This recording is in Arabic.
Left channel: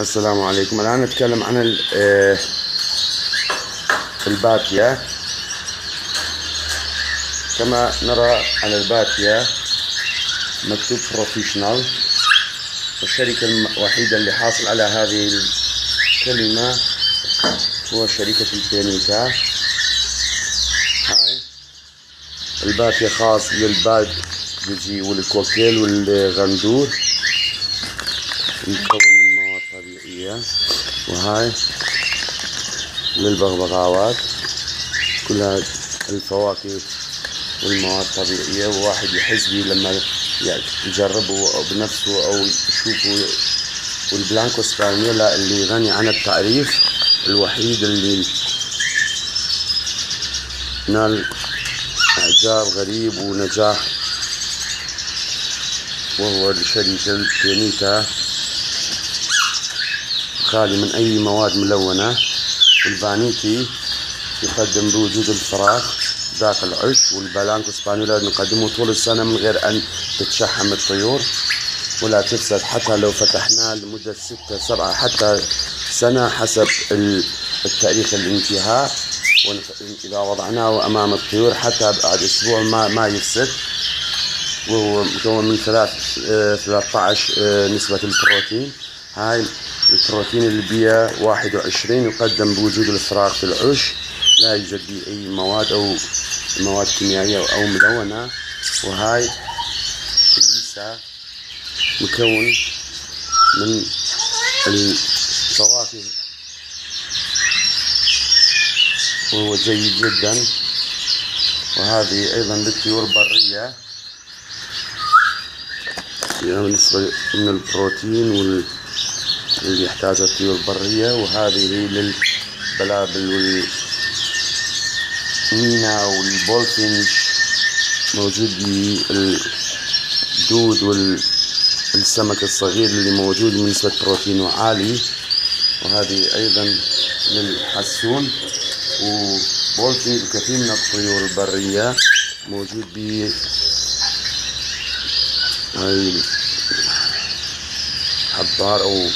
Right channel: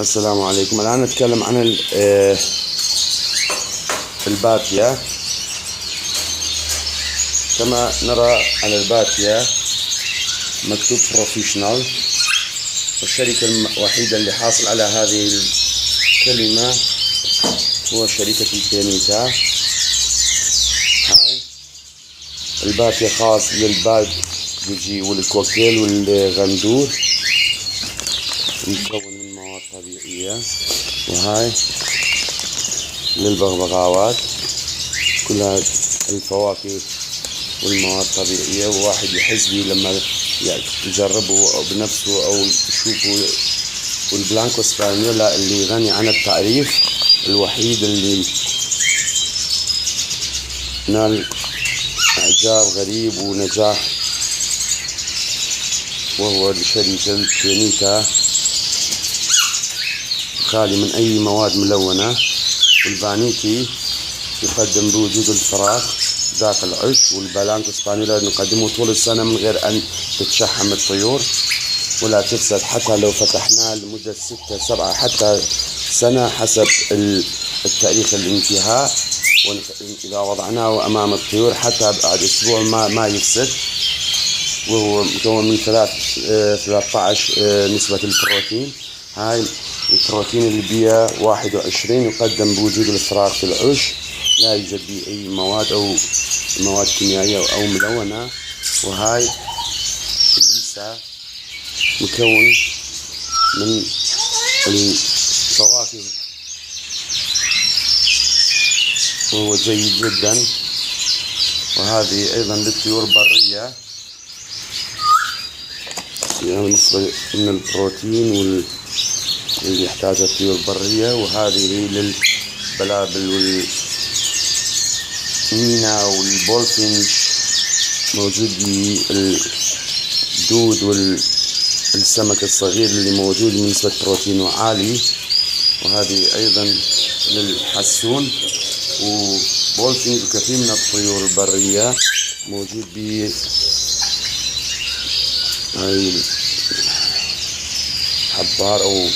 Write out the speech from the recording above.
السلام عليكم. الآن نتكلم عن الباتيا. كما نرى على الباتيا مكتوب بروفيشنال، والشركة الوحيدة اللي حاصل على هذه الكلمة هو شركة البينيتا. هاي الباتيا خاص للباد بيجي والكوكتيل والغندور، مكون من مواد طبيعية. وهاي للبغبغاوات كلها الفواكه والمواد طبيعية، وواحد يحس بيه لما يجربه بنفسه أو يشوفه. والبلانكو سبانيولا اللي غني عن التعريف، الوحيد اللي نال إعجاب غريب ونجاح، وهو شركة البينيتا، خالي من أي مواد ملونة. والبانيتي يقدم بوجود الفراخ ذاك العش، والبلانكو سبانيولا نقدمه طول السنة من غير أن تتشحم الطيور ولا تفسد، حتى لو فتحناه لمدة 6 7 حتى سنة حسب التاريخ الانتهاء. إذا وضعناه أمام الطيور حتى بعد أسبوع ما يفسد. وهو مكون من 13 نسبة البروتين. هاي البروتين البيئة 21 يقدم بوجود الفراخ في العش، لا يوجد به أي مواد أو مواد كيميائية أو ملونة. وهاي الليسا مكون من الفواكه وهو جيد جدا. وهذه أيضا للطيور البرية، بالنسبة من البروتين اللي يحتاجها الطيور البرية. وهذه للبلابل والمينا والبولفينش، موجود بالدود والسمك الصغير اللي موجود من نسبة بروتينه عالي. وهذه أيضا للحسون وبولفينش وكثير من الطيور البرية موجود ب هاي حبار أو